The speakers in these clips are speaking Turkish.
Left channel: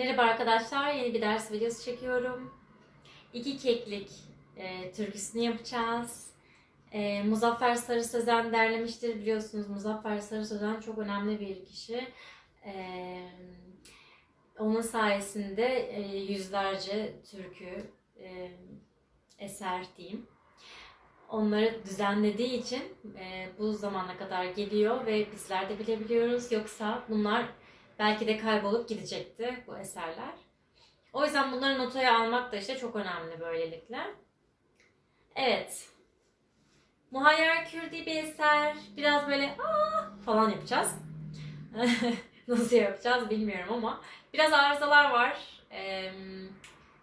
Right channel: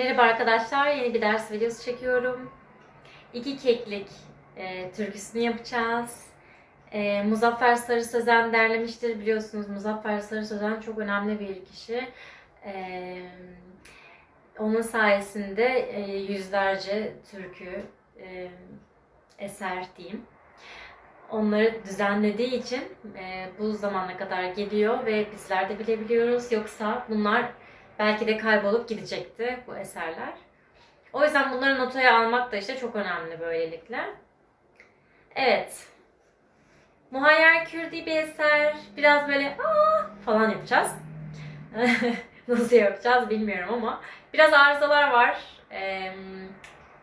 Merhaba arkadaşlar, yeni bir ders videosu çekiyorum. İki keklik e, türküsünü yapacağız. E, Muzaffer Sarı Sözen derlemiştir biliyorsunuz. Muzaffer Sarı Sözen çok önemli bir kişi. E, onun sayesinde e, yüzlerce türkü, e, eser diyeyim. Onları düzenlediği için e, bu zamana kadar geliyor ve bizler de bilebiliyoruz. Yoksa bunlar belki de kaybolup gidecekti bu eserler. O yüzden bunları notaya almak da işte çok önemli böylelikle. Evet. Muhayyer Kürdi bir eser. Biraz böyle aa falan yapacağız. Nasıl yapacağız bilmiyorum ama biraz arızalar var. Ee,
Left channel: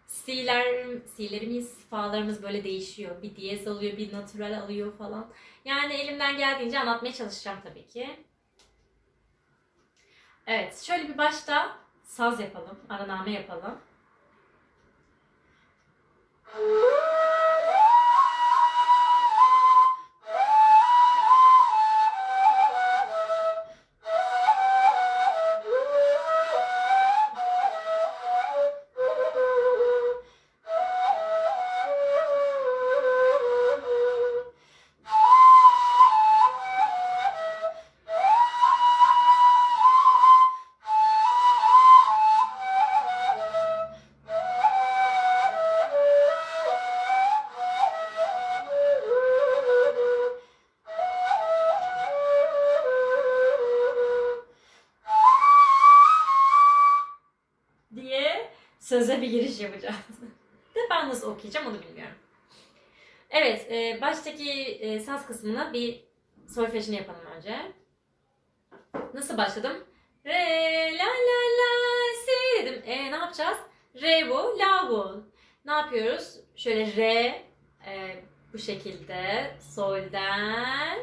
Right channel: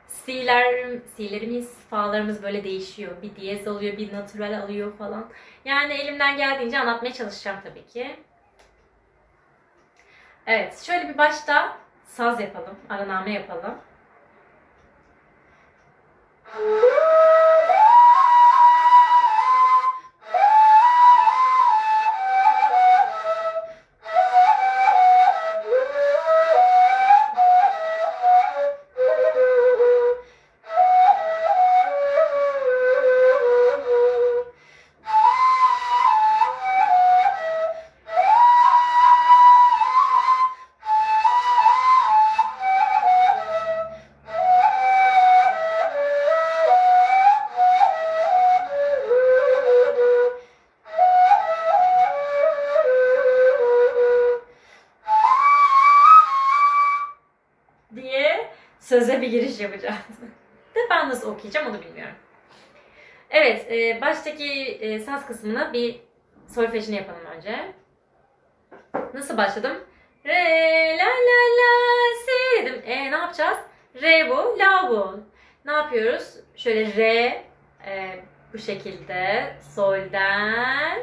Si'ler, si'lerimiz, fa'larımız böyle değişiyor. Bir diyez alıyor, bir natural alıyor falan. Yani elimden geldiğince anlatmaya çalışacağım tabii ki. Evet, şöyle bir başta saz yapalım, araname yapalım. Söze bir giriş yapacağız. De ben nasıl okuyacağım onu bilmiyorum. Evet, e, baştaki e, saz kısmını bir solfejini yapalım önce. Nasıl başladım? Re la la la si dedim. E ne yapacağız? Re bu, la bu. Ne yapıyoruz? Şöyle re e, bu şekilde solden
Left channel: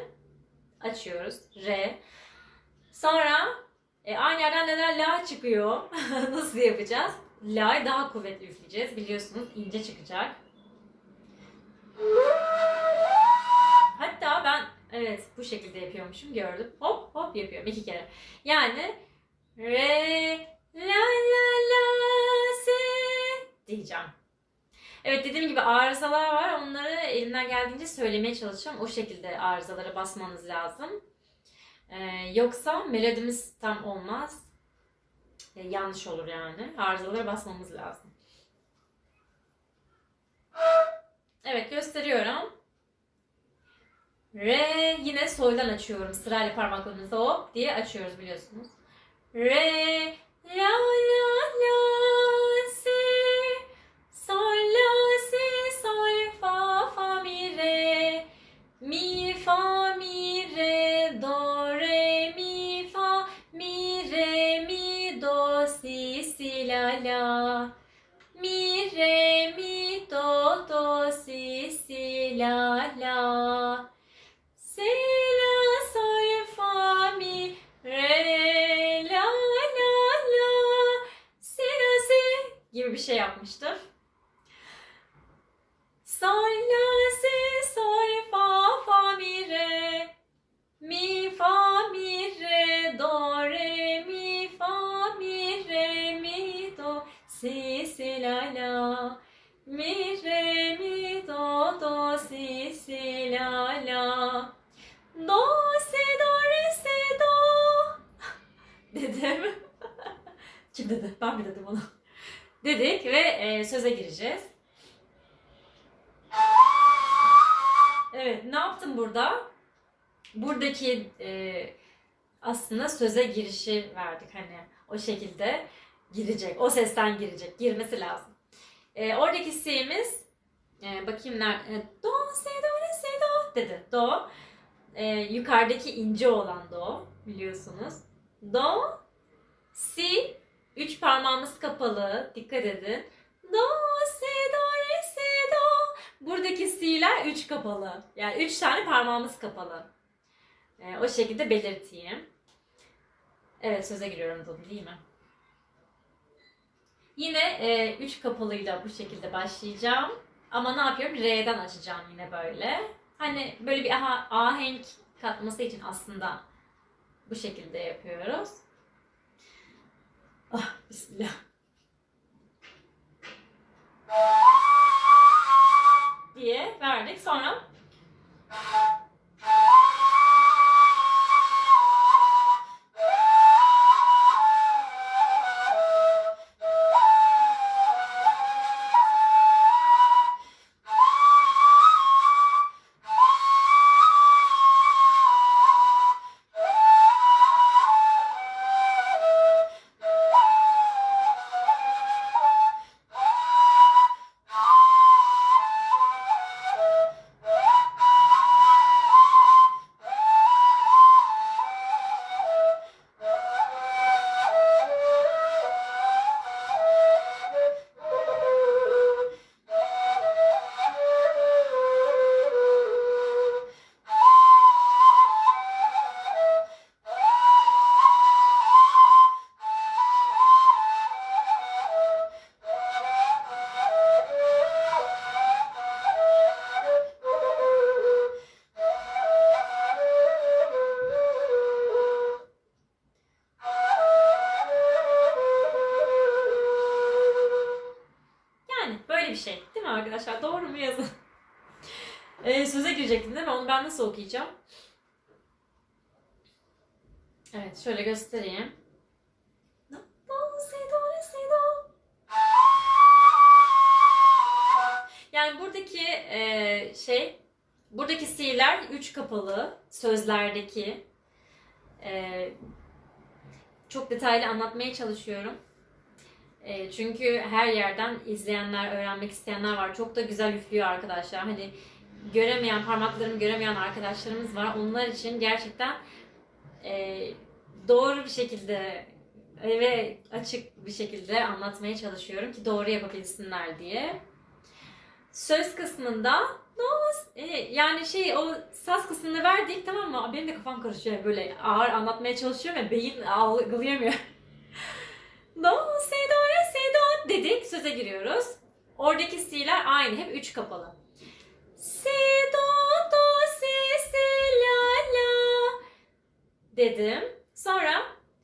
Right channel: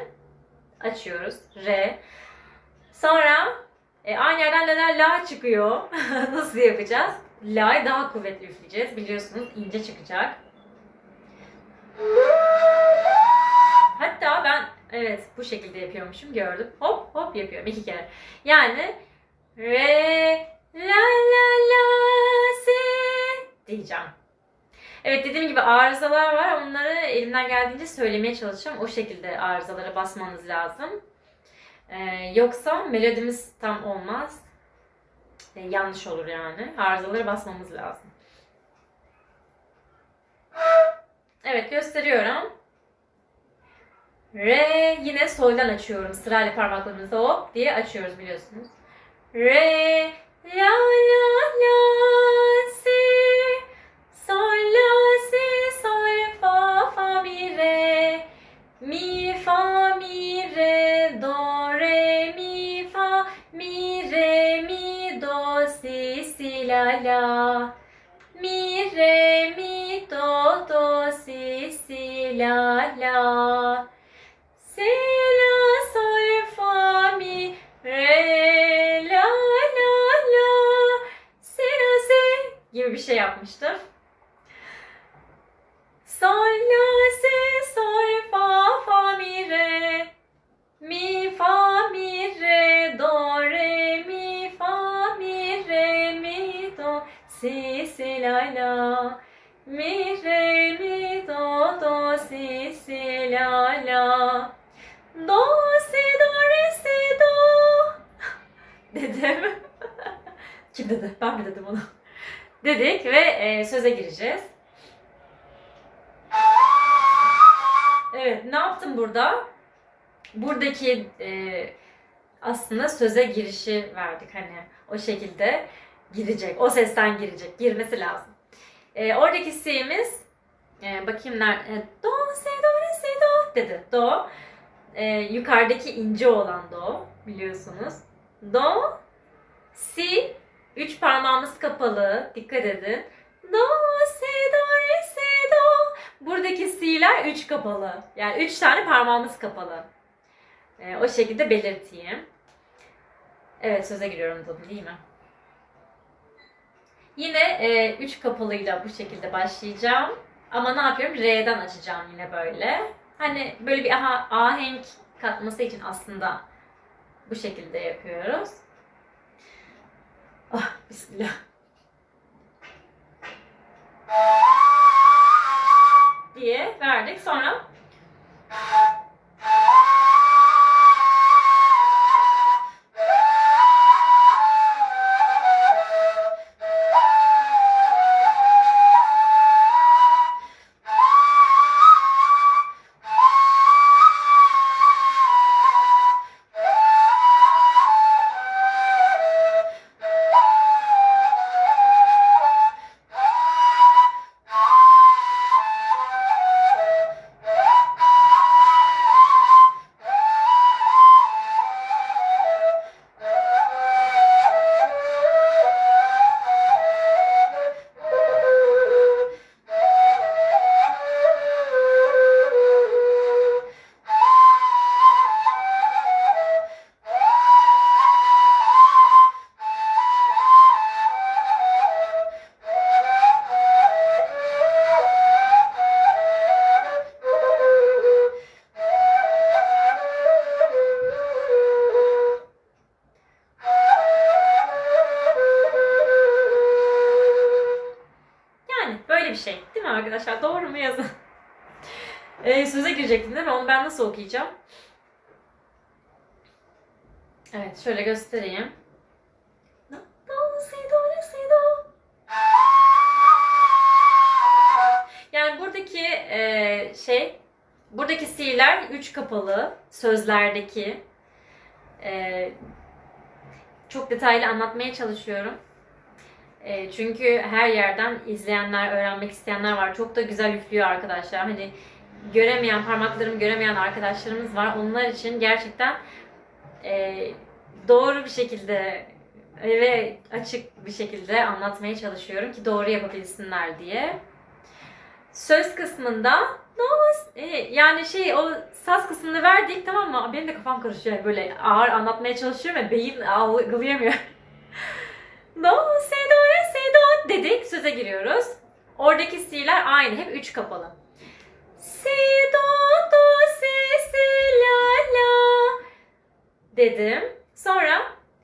açıyoruz. Re. Sonra e, aynı yerden neden la çıkıyor. Nasıl yapacağız? La'yı daha kuvvetli üfleyeceğiz. Biliyorsunuz ince çıkacak. Hatta ben evet bu şekilde yapıyormuşum gördüm. Hop hop yapıyorum iki kere. Yani re la la la si diyeceğim. Evet dediğim gibi arızalar var. Onları elimden geldiğince söylemeye çalışacağım. O şekilde arızalara basmanız lazım. Ee, yoksa melodimiz tam olmaz. Yanlış olur yani. Arızalara basmamız lazım. Evet gösteriyorum. Re yine soldan açıyorum. Sırayla parmaklarımızı hop diye açıyoruz biliyorsunuz. Re la la la Sol la si sol fa fa mi re mi fa mi re do re mi fa mi re mi do si si la la mi re mi do do si si la la do si do re si do dedim. Kim dedi? Ben mi dedim onu? Dedik ve e, söze gireceğiz. Evet, ne yaptım burada? Buradaki e, aslında söze girişi verdik hani o şekilde girecek, o sesten girecek, girmesi lazım. E, oradaki si'miz, e, bakayım nerede, do, si, do, re, si, do dedi. Do, e, yukarıdaki ince olan do biliyorsunuz. Do, si, üç parmağımız kapalı, dikkat edin. Do, si, do, re. Buradaki si'ler üç kapalı. Yani üç tane parmağımız kapalı. Ee, o şekilde belirteyim. Evet söze giriyorum da değil mi? Yine e, kapalıyla bu şekilde başlayacağım. Ama ne yapıyorum? Re'den açacağım yine böyle. Hani böyle bir aha, ahenk katması için aslında bu şekilde yapıyoruz. Ah bismillah. Diye verdik. Sonra şey. Değil mi arkadaşlar? Doğru mu yazın? Ee, söze girecektim değil mi? Onu ben nasıl okuyacağım? Evet şöyle göstereyim. Yani buradaki e, şey, buradaki si'ler üç kapalı sözlerdeki. E, çok detaylı anlatmaya çalışıyorum. E, çünkü her yerden izleyenler, öğrenmek isteyenler var. Çok da güzel üflüyor arkadaşlar. Hani göremeyen, parmaklarımı göremeyen arkadaşlarımız var. Onlar için gerçekten e, doğru bir şekilde ve açık bir şekilde anlatmaya çalışıyorum ki doğru yapabilsinler diye. Söz kısmında do, e, yani şey o saz kısmını verdik tamam mı? Benim de kafam karışıyor böyle ağır anlatmaya çalışıyorum ve beyin algılayamıyor. Do, si, do, re, si, do dedik. Söze giriyoruz. Oradaki si'ler aynı. Hep üç kapalı. Si, do, do, si, si, la, la dedim. Sonra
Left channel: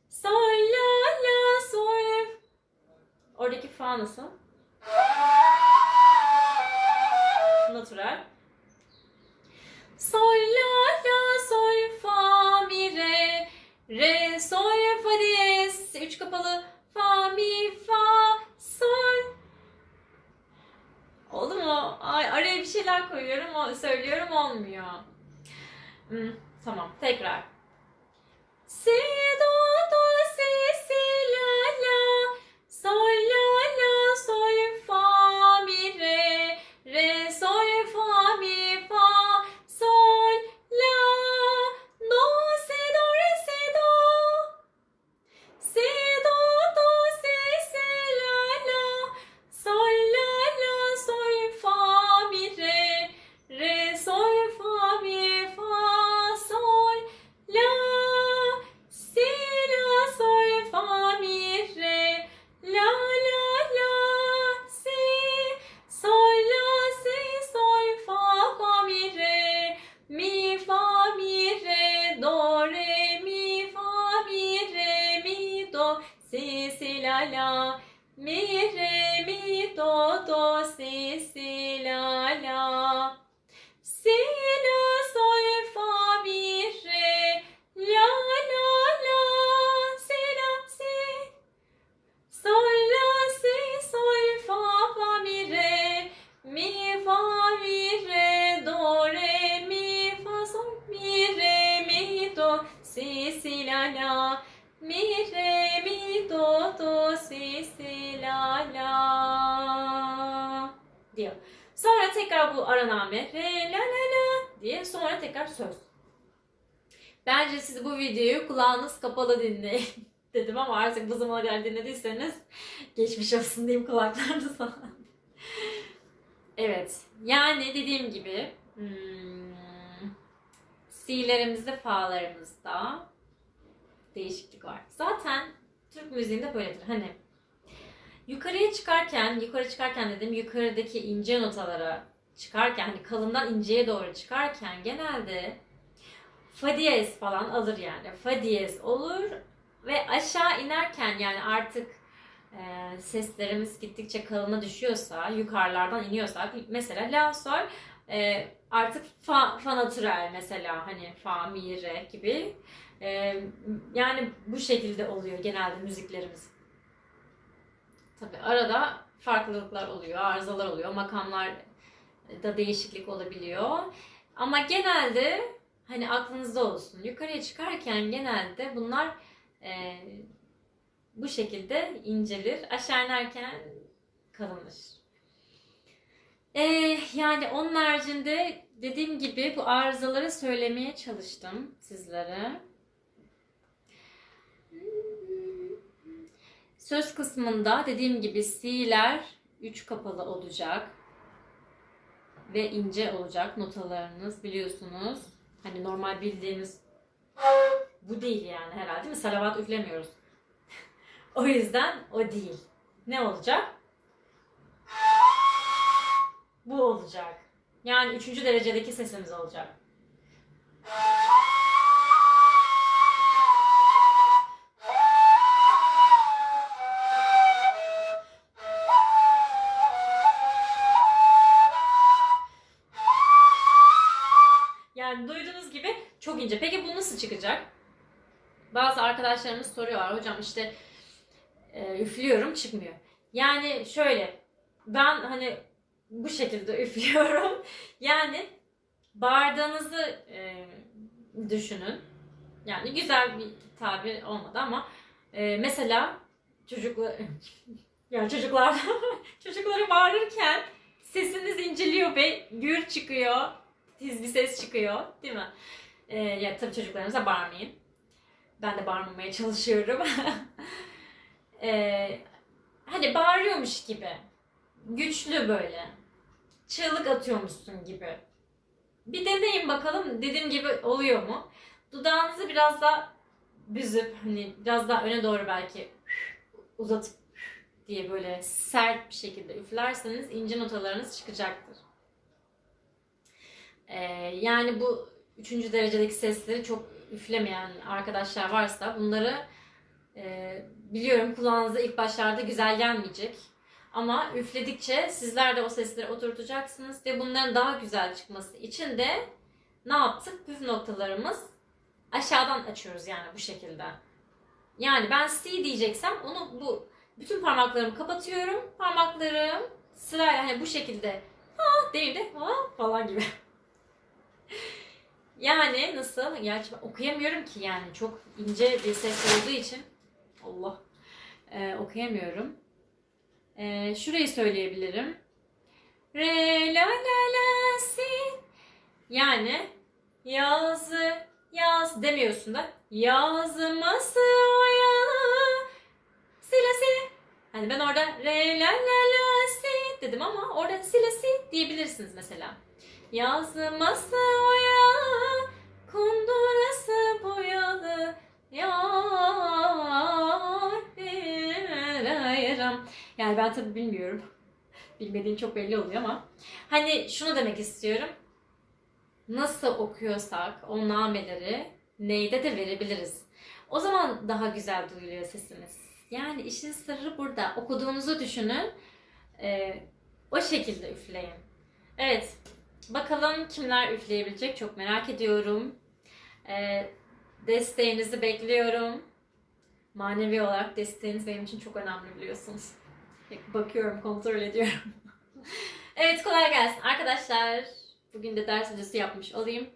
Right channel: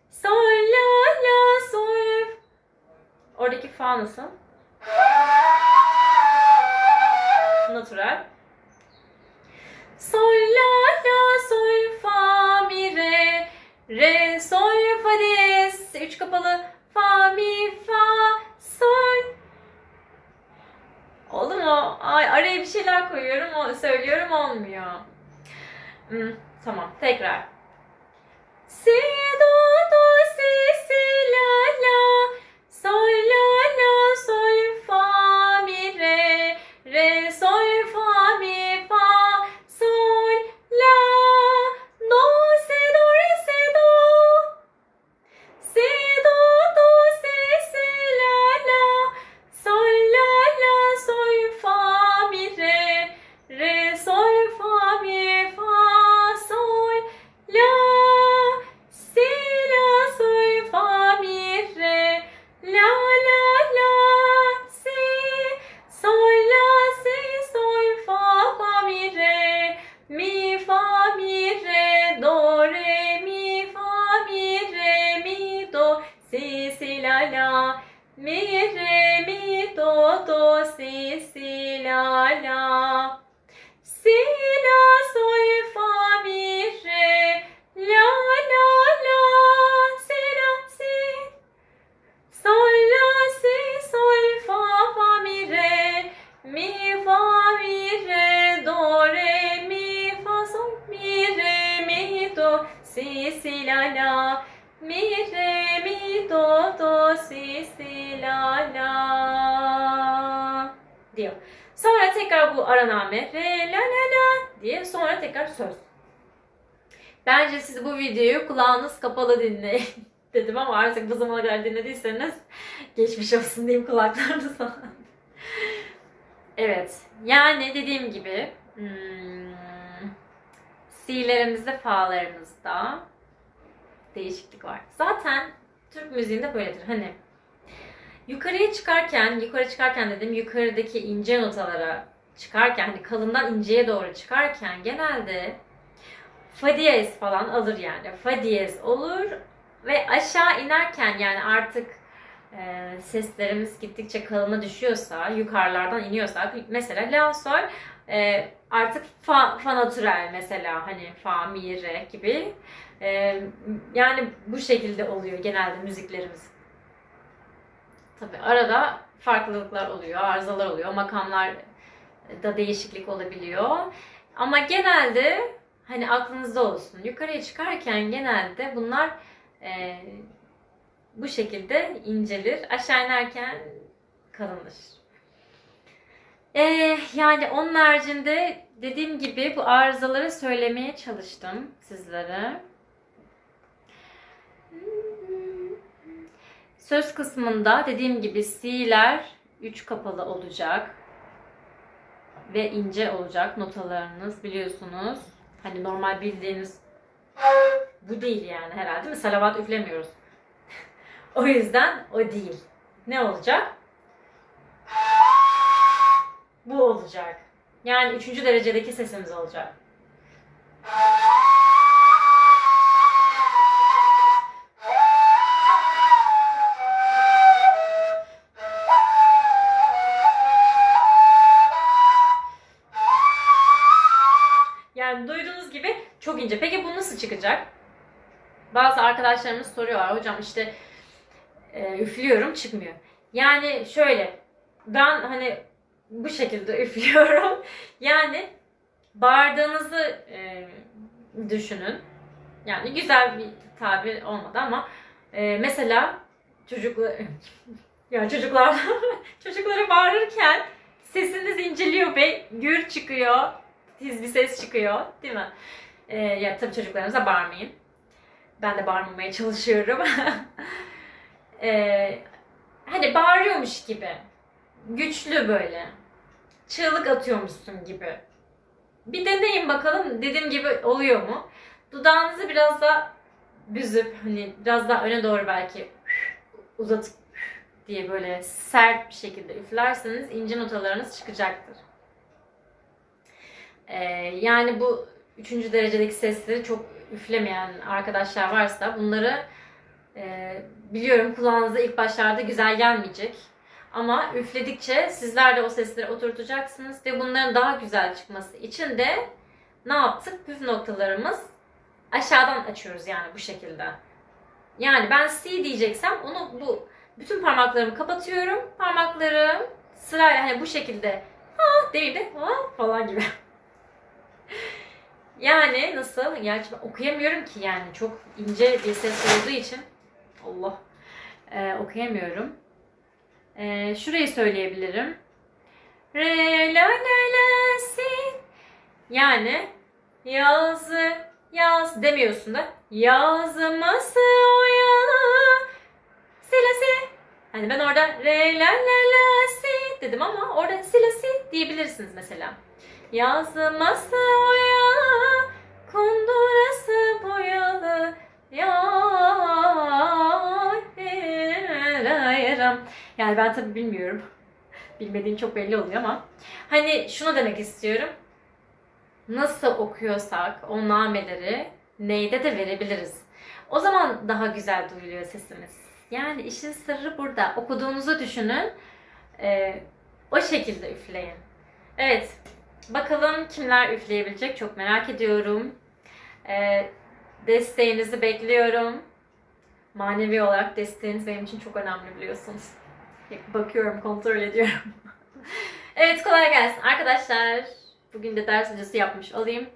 sol, la, la, sol. Oradaki fa nasıl? Natural. Sol, la, la, sol, fa, mi, re. Re, sol, fa, diyez. Üç kapalı. Mu? Ay araya bir şeyler koyuyorum, söylüyorum olmuyor. Hmm, tamam, tekrar. Si, Diyor. Sonra tekrar bu araname. Re, la, la, la diye. Sonra tekrar söz. Bence siz bu videoyu kulağınız kapalı dinleyin dedim ama artık bu zamana kadar dinlediyseniz geçmiş olsun diyeyim kulaklarınıza. evet. Yani dediğim gibi hmm, si'lerimizde, fa'larımızda değişiklik var. Zaten Türk müziğinde böyledir. Hani yukarıya çıkarken, yukarı çıkarken dedim yukarıdaki ince notalara çıkarken hani kalından inceye doğru çıkarken genelde fa diyez falan alır yani. Fa diyez olur ve aşağı inerken yani artık e, seslerimiz gittikçe kalına düşüyorsa, yukarılardan iniyorsa, mesela la sol e, artık fa, fa natürel mesela hani fa, mi, re gibi e, yani bu şekilde oluyor genelde müziklerimiz. Tabi arada farklılıklar oluyor, arızalar oluyor, makamlar da değişiklik olabiliyor. Ama genelde hani aklınızda olsun. Yukarıya çıkarken genelde bunlar e, bu şekilde incelir. Aşağı inerken kalınır. E, yani onun haricinde dediğim gibi bu arızaları söylemeye çalıştım sizlere. Söz kısmında dediğim gibi C'ler 3 kapalı olacak ve ince olacak notalarınız biliyorsunuz. Hani normal bildiğiniz bu değil yani herhalde mi? Salavat üflemiyoruz. o yüzden o değil. Ne olacak? Bu olacak. Yani üçüncü derecedeki sesimiz olacak. Arkadaşlarımız soruyorlar. Hocam işte e, üflüyorum çıkmıyor. Yani şöyle ben hani bu şekilde üflüyorum. Yani bağırdığınızı e, düşünün. Yani güzel bir tabir olmadı ama e, mesela çocuklar yani çocuklar çocuklara bağırırken sesiniz inceliyor ve gür çıkıyor. Tiz bir ses çıkıyor. Değil mi? E, ya tabii çocuklarınıza bağırmayın. Ben de bağırmamaya çalışıyorum. e, hani bağırıyormuş gibi. Güçlü böyle. Çığlık atıyormuşsun gibi. Bir deneyin bakalım dediğim gibi oluyor mu? Dudağınızı biraz daha büzüp hani biraz daha öne doğru belki uzatıp diye böyle sert bir şekilde üflerseniz ince notalarınız çıkacaktır. Ee, yani bu üçüncü derecedeki sesleri çok üflemeyen arkadaşlar varsa bunları e, biliyorum kulağınıza ilk başlarda güzel gelmeyecek. Ama üfledikçe sizler de o sesleri oturtacaksınız ve bunların daha güzel çıkması için de ne yaptık? Püf noktalarımız aşağıdan açıyoruz yani bu şekilde. Yani ben C diyeceksem onu bu bütün parmaklarımı kapatıyorum. Parmaklarım sırayla hani bu şekilde ha değil de ha falan gibi. Yani nasıl? Gerçi ben okuyamıyorum ki yani çok ince bir ses olduğu için Allah ee, okuyamıyorum. Ee, şurayı söyleyebilirim. Re la la la si. Yani yazı yaz demiyorsun da yazması oyalı silesi. Hani ben orada re la la la si dedim ama orada silesi diyebilirsiniz mesela. Yazması oyalı kundurası boyalı yar yani ben tabii bilmiyorum. Bilmediğim çok belli oluyor ama. Hani şunu demek istiyorum. Nasıl okuyorsak o nameleri neyde de verebiliriz. O zaman daha güzel duyuluyor sesimiz. Yani işin sırrı burada. Okuduğunuzu düşünün. Ee, o şekilde üfleyin. Evet. Bakalım kimler üfleyebilecek çok merak ediyorum. Ee, desteğinizi bekliyorum. Manevi olarak desteğiniz benim için çok önemli biliyorsunuz. Bakıyorum, kontrol ediyorum. evet kolay gelsin arkadaşlar. Bugün de ders videosu yapmış olayım.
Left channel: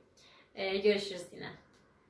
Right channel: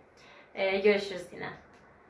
Ee, görüşürüz yine.